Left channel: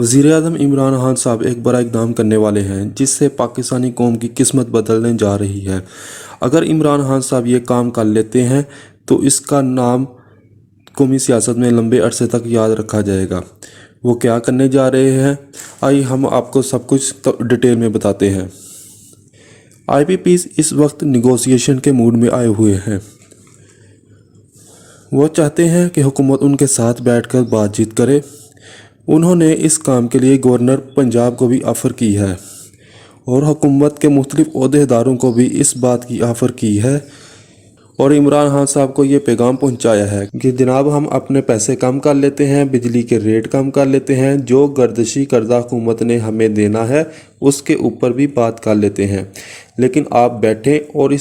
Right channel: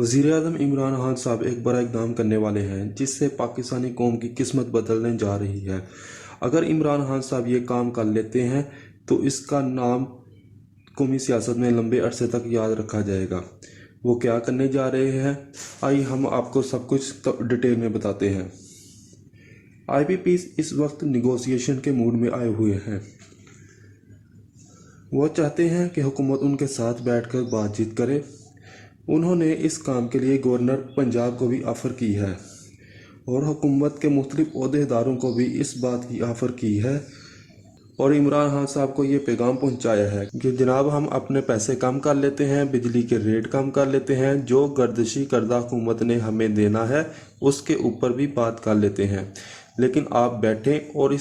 वज़ीर-ए-आज़म इमरान खान साहब एक बड़ा इक़दाम करने वाले हैं जिससे पाकिस्तानी कौम की किस्मत बदलने जा रही है। अगर इमरान खान साहब ये काम कर लेते हैं तो इसका नाम कौमी सियासत में लंबे अरसे तक याद रखा जाएगा। वो क्या करने जा रहे हैं, आइए हम आपको सब कुछ डिटेल में बताते हैं। IPPs इस वक्त निगोसिएशन के मूड में आए हुए हैं। वो चाहते हैं कि हुकूमत उनके साथ बैठकर बातचीत करे। उन्होंने इस काम के लिए गवर्नर पंजाब को भी ऑफ़र की है और हुकूमत के मुख्तलिफ ओहदेदारों को भी इस बात की ऑफ़र की है और इमरान खान साहब को ये पैगाम पहुंचाया है कि जनाब हम अपने पैसे कम कर लेते हैं, बिजली के रेट कम कर लेते हैं, जो गर्दिशी करदा हुकूमत ने हमें देना है उसके ऊपर भी बात कर लेते हैं, लेकिन आप बैठें और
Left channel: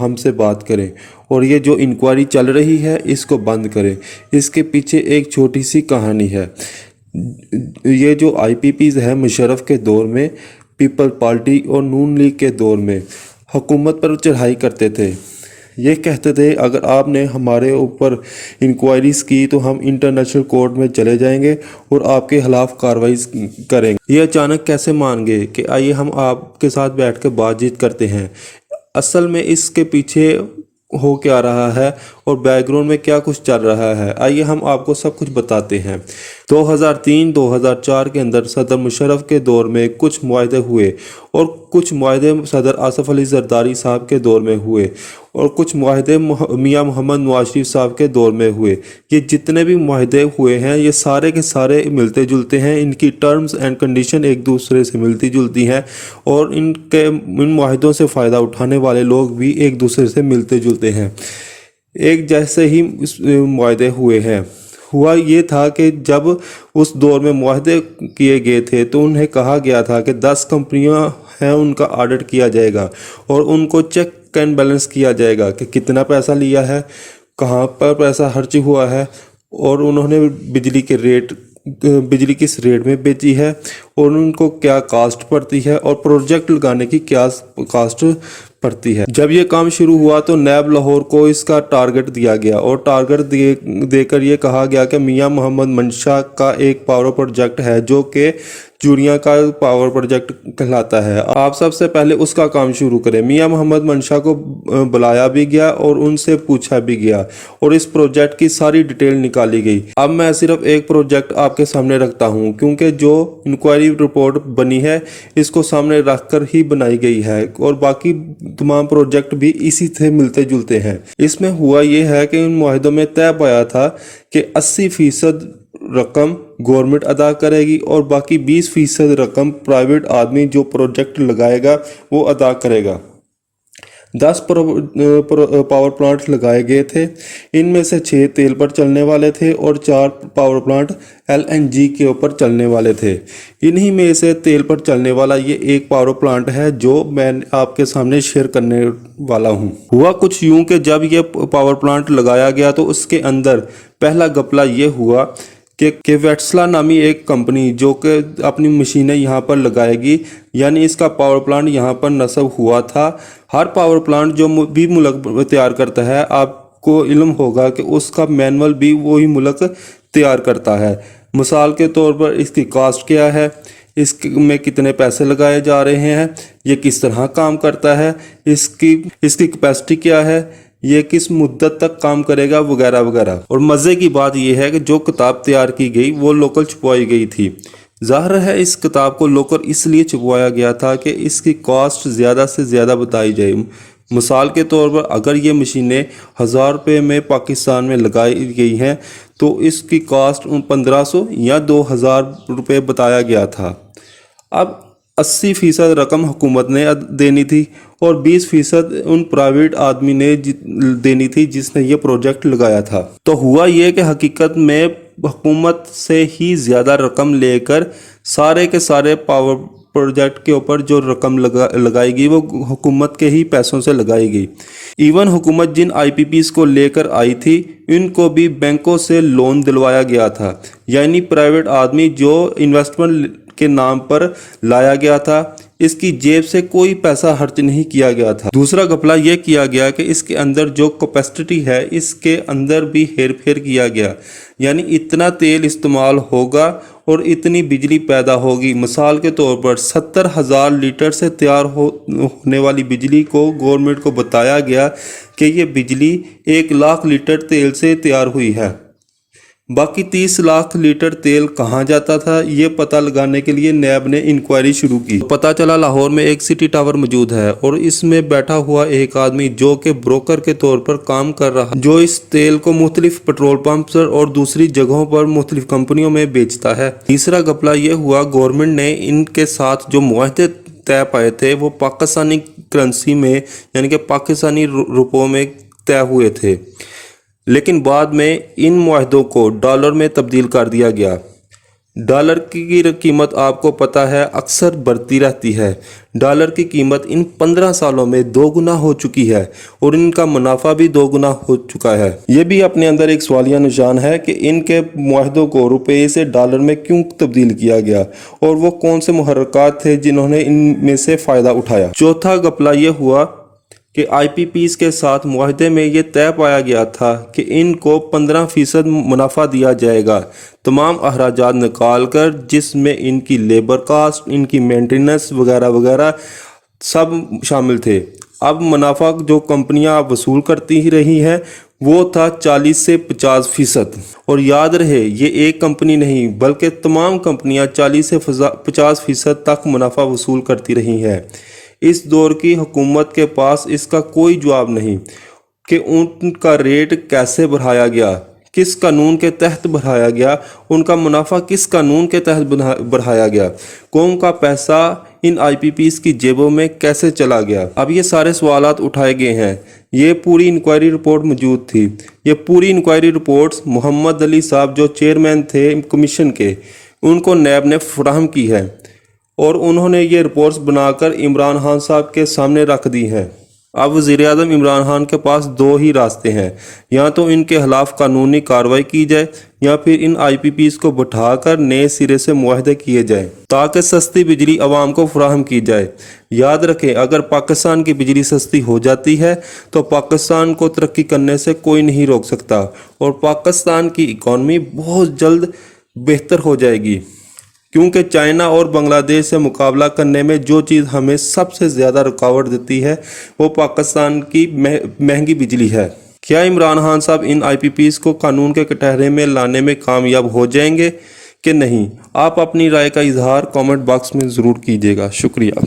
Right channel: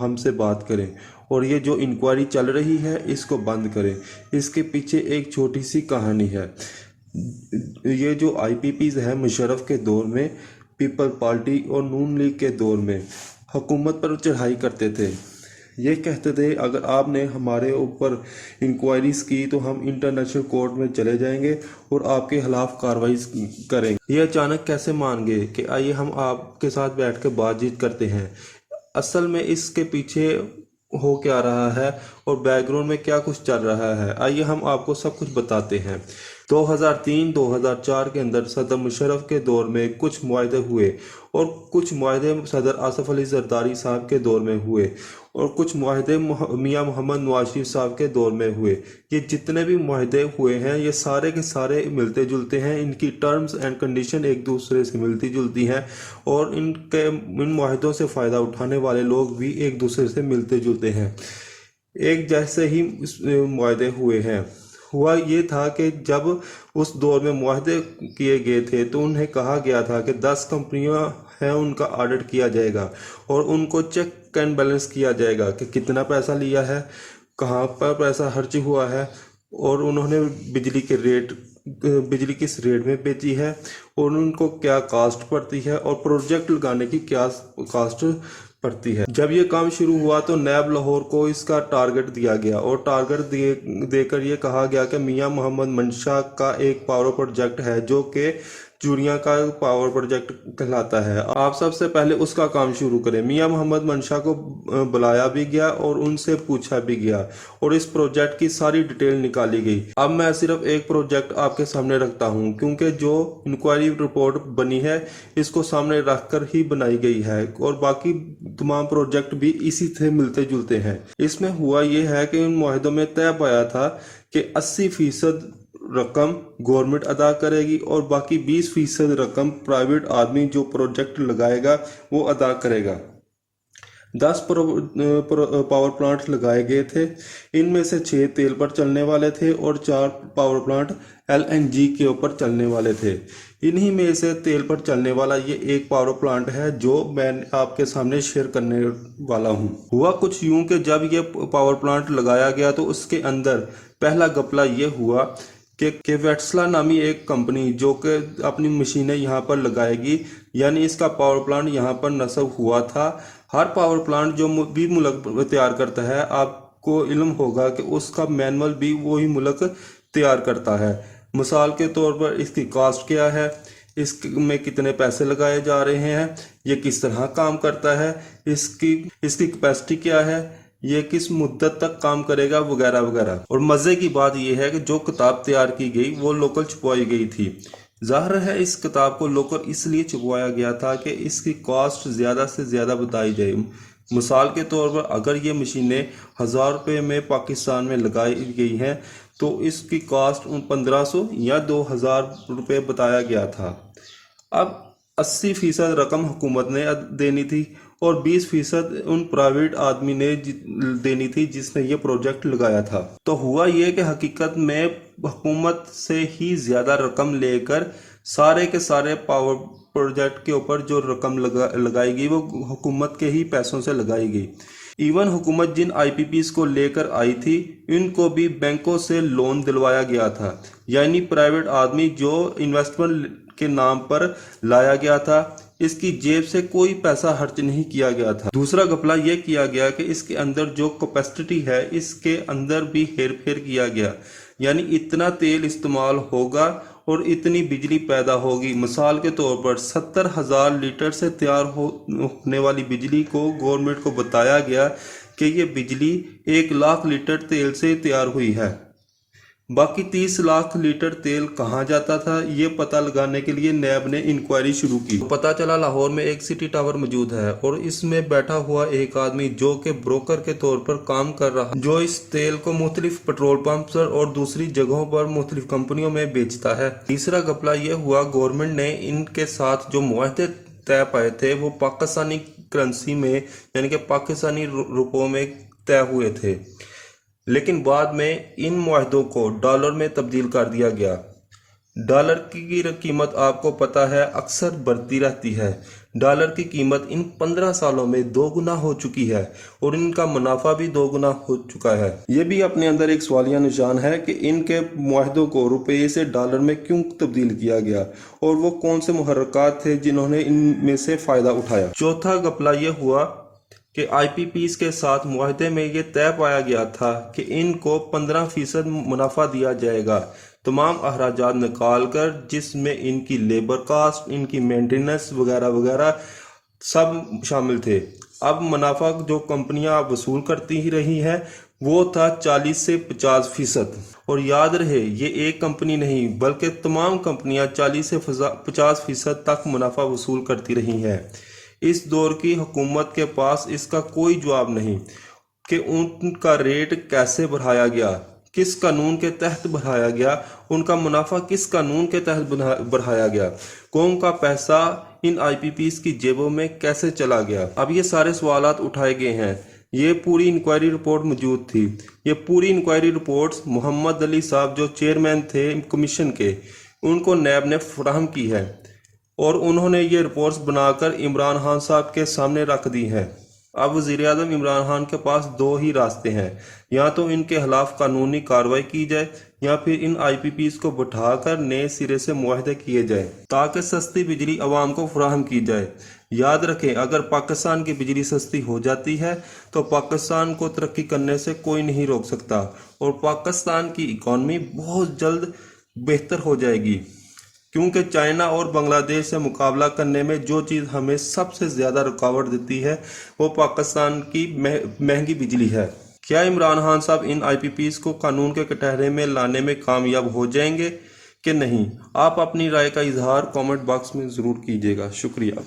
हमसे बात करें और ये जो इंक्वायरी चल रही है इसको बंद करें। इसके पीछे एक छोटी सी कहानी है। ये जो IPPs है मुशर्रफ के दौर में पीपल पार्टी और नून लीग के दौर में हुकूमत पर चढ़ाई करते थे। ये कहते थे अगर आपने हमारे ऊपर इंक्वायरीज़ की तो हम इंटरनेशनल कोर्ट में चले जाएंगे और आपके खिलाफ कार्रवाई करेंगे। ये अचानक कैसे मान गए कि आइए हम आपके साथ बैठ कर बातचीत करते हैं। असल में इसके पीछे हो क्या रहा है और बैकग्राउंड में क्या कुछ चल रहा है, आइए हम आपको सब कुछ बताते हैं। 2003-2004 के अंदर सदर मुशर्रफ के दौर में कुछ मुआहदे हुए और कुछ मुआहदे सदर आसफ अली जरदारी साहब के दौर में हुए और कुछ मुआहदे मियां मोहम्मद नवाज शरीफ साहब के दौर में हुए। ये जितने भी मुआहदे हुए हैं ये सारे के सारे मिलते जुलते हैं, इनकी टर्म्स एंड कंडीशन एक दूसरे से मिलती जुलती हैं और इन मुआहदों से फ़ायदा उठाने वाले लोग भी एक दूसरे से मिलते जुलते हैं। एक जैसे ही मुआहदे हुए हैं। हुआ ये था कि जब उस दौर में मुआहदे किए गए थे तो उन्हें कहा गया था कि 10 कंपनियां हैं उनका ऑडिट किया जाएगा और उनको चेक एंड बैलेंस किया जाएगा कि कितना पैसा लिया है, कहाँ पर पैसा खर्च हुआ है और उन्होंने बिजली किस रेट में बेची है और उनको क्या कास्ट पड़ती है और प्रोजेक्ट लगाने की क्या कास्ट पड़ती है। जब ये काम शुरू हुआ तो नैब लाहौर को इसका टारगेट दिया गया और टारगेट देकर ये कहा गया कि मियां मोहम्मद मंशा का एक पावर प्रोजेक्ट है जो कि चूड़ियाँ का पावर प्रोजेक्ट कहलाता है, आप सबसे पहले उसका काम शुरू करें। मियां मोहम्मद मंशा को बुलाया भी गया और उनसे पूछा भी गया और इस प्रोजेक्ट की सारी डिटेल निकाली गई। अब मैं सिर्फ एक प्रोजेक्ट आपके सामने रखता हूं क्योंकि जो इंक्वायरी रिपोर्ट बनी है इसको सामने रखकर ही बनाई गई है और बाकी तमाम प्रोजेक्ट भी इसी से मिलते जुलते हैं। इसमें हुआ ये है कि इन मुआहदों में तय पाया था कि 80% रकम गवर्नमेंट अदा करेगी और बाकी 20% रकम प्राइवेट आदमी जो प्रोजेक्ट लगाएगा वो अदा करेगा। 10 पावर प्लांट लगाए गए थे, इनमें से 6 तेल पर चलने वाले थे और 4 पावर प्लांट LNG के ऊपर चलने वाले थे। इन्हीं में से तेल पर चलने वाला ये एक पावर प्लांट है जो मैं आपके सामने शेयर करने वाला हूँ। हुआ कुछ यूं कि जब ये पावर प्लांट लगाया गया तो उसके अंदर पहला घपला ये हुआ कि वेट्सला नामी एक कंपनी जो कि अपनी मशीनें यहाँ पर लगाएगी, यानी इसका पावर प्लांट यहाँ पर नस्ब हुआ था। हर पावर प्लांट जो भी मुल्क तैयार करता है आपको इल्म होगा कि उसका मैनुअल भी वही मुल्क तैयार करता है। मिसाल के तौर पर इसकी कास्ट क्या है, इसमें कितने पैसे लगाए जा रहे हैं, ये किस तरह काम करता है, इसकी कैपेसिटी क्या है, ये किस मुद्दत तक काम करेगा वगैरह वगैरह। और मज़े की बात यह है कि जो किताब तैयार की गई वो लोकल छुपवाई गई थी। ज़ाहिर है इस किताब को लोकल इसलिए छुपवाया गया था कि इसकी कॉस्ट ज़्यादा से ज़्यादा बताई जाए। मिसाल के तौर पर अगर ये मशीनें 1000 रुपये में पाकिस्तान में लगाई गई हैं तो इसकी कॉस्ट 1500 या 2000 रुपये बताया गया था। अब 80% रकम हुकूमत ने देनी थी और 20% उन प्राइवेट आदमी ने देनी थी जिसने ये प्रोजेक्ट लगाया था। तो हुआ ये कि हकीकत में हुकूमत से ही ज़्यादा रकम लेकर सारे के सारे पावर प्रोजेक्ट के ऊपर जो रकम लगाई गई वो हुकूमत के ही पैसों से लगाई गई। इवन हुकूमत जिन IPPs को लेकर आई थी इनको भी बैंकों से लोन दिलवाया गया था, यानी प्राइवेट आदमी जो इन्वेस्टमेंट के नाम पर लाया गया था इसकी जेब से कोई पैसा खर्च नहीं किया गया था। दूसरा घपला यह किया गया कि इसके अंदर जो कैपेसिटी है इसके अंदर भी हेर फेर किया गया, यानी इतना तेल इस्तेमाल होगा और इतनी बिजली पैदा होगी। मिसाल के तौर पर 70,000 लीटर से तैयार होने वाली बिजली को गवर्नमेंट को बताया गया कि ये बिजली 1 लाख लीटर तेल से तैयार हुई है। बाकी 30 लाख लीटर तेल कहाँ जाता था, ये पता लगाने के लिए नैब ने इंक्वायरी शुरू की। पता चला लाहौर में एक सिटी टावर मौजूद है और इसमें बैठा हुआ एक आदमी जो कि ब्रोकर के तौर पर काम कर रहा, जो इस तेल को मुख्तलिफ पेट्रोल पंप पर और दूसरी जगहों पर मुख्तलिफ कंपनियों में बेचता है। तीसरा घपला ये हुआ, गवर्नमेंट ने इनके साथ जो मुआहदे तय पाए थे वो पाकिस्तानी करेंसी में यानी कि पाकिस्तानी रुपयों में तय हुए थे, लेकिन बाद में इन मुआहदों को डॉलर में तब्दील कर दिया गया। डॉलर की कीमत आपको पता है अक्सर बढ़ती रहती है। डॉलर की कीमत इन 15 सालों में 2 गुना हो चुकी है और इनका मुनाफा भी 2 गुना हो चुका है। ये भी अपने अंदर एक सवालिया निशान है कि इनके मुआहदों को रुपये से डॉलर में क्यों तब्दील किया गया और वो कौन से मुहर्रकात थे जिन्होंने इनमें से फ़ायदा उठाया। चौथा घपला ये हुआ कि IPPs के साथ मुआहदे में ये तय पाया गया था कि इनको 15% मुनाफा दिया जाएगा, तमाम अखराजात निकाल कर, जिसमें इनकी लेबर कास्ट, इनकी मेंटेनेंस वगैरह वगैरह सब शामिल थे। अब मुनाफा जो कंपनियां वसूल करती ही रही हैं वो था 40 से 50%। और याद रहे ये एक कंपनी नहीं बल्कि तमाम कंपनियां 40 से 50% तक मुनाफा वसूल करती रही हैं। इस दौर की हुकूमत के पास इसका कोई जवाब नहीं कि उनका रेट कैसे बढ़ाया गया, किस कानून के तहत बढ़ाया गया, उनका मुनाफा किस कानून के तहत बढ़ाया गया, कौम का पैसा इन IPPs की जेबों में कैसे चला गया। अब ये सारे सवालात उठाए गए हैं। ये पूरी इंक्वायरी रिपोर्ट मौजूद थी। ये पूरी इंक्वायरी रिपोर्ट्स मोहम्मद अली साहब जो चेयरमैन थे कमीशन के, उनको नैब ने फराहम की है और उन्होंने ये रिपोर्ट्स बनाकर इमरान खान साहब के सामने रख दी हैं। अब वज़ीर-ए-आज़म इमरान खान के पास 2 ही रास्ते हैं, या तो इनके खिलाफ कानूनी कार्रवाई की जाए या फिर इन IPPs को बिठाकर नए सिरे से मुआहदे किए जाएं ताकि सस्ती बिजली आवाम को फराहम की जाए। याद रखें, अगर पाकिस्तान की बिजली सस्ती हो जाती है तो पाकिस्तान को तरक्की करने से कोई नहीं रोक सकता और पाकिस्तान की इकॉनमी बहुत जल्द बेहतर हो जाएगी, क्योंकि चाइना और बांग्लादेश से मुकाबला करने में जो चीज़ हमें सबसे ज़्यादा रुकावट देती है वो पाकिस्तान की महंगी बिजली है। क्या इमरान खान साहब इन IPPs को कानून के कटहरे में लाने में कामयाब हो जाएंगे कि नहीं? आप अपनी राय का इजहार कमेंट बॉक्स में ज़रूर कीजिएगा। शुक्रिया।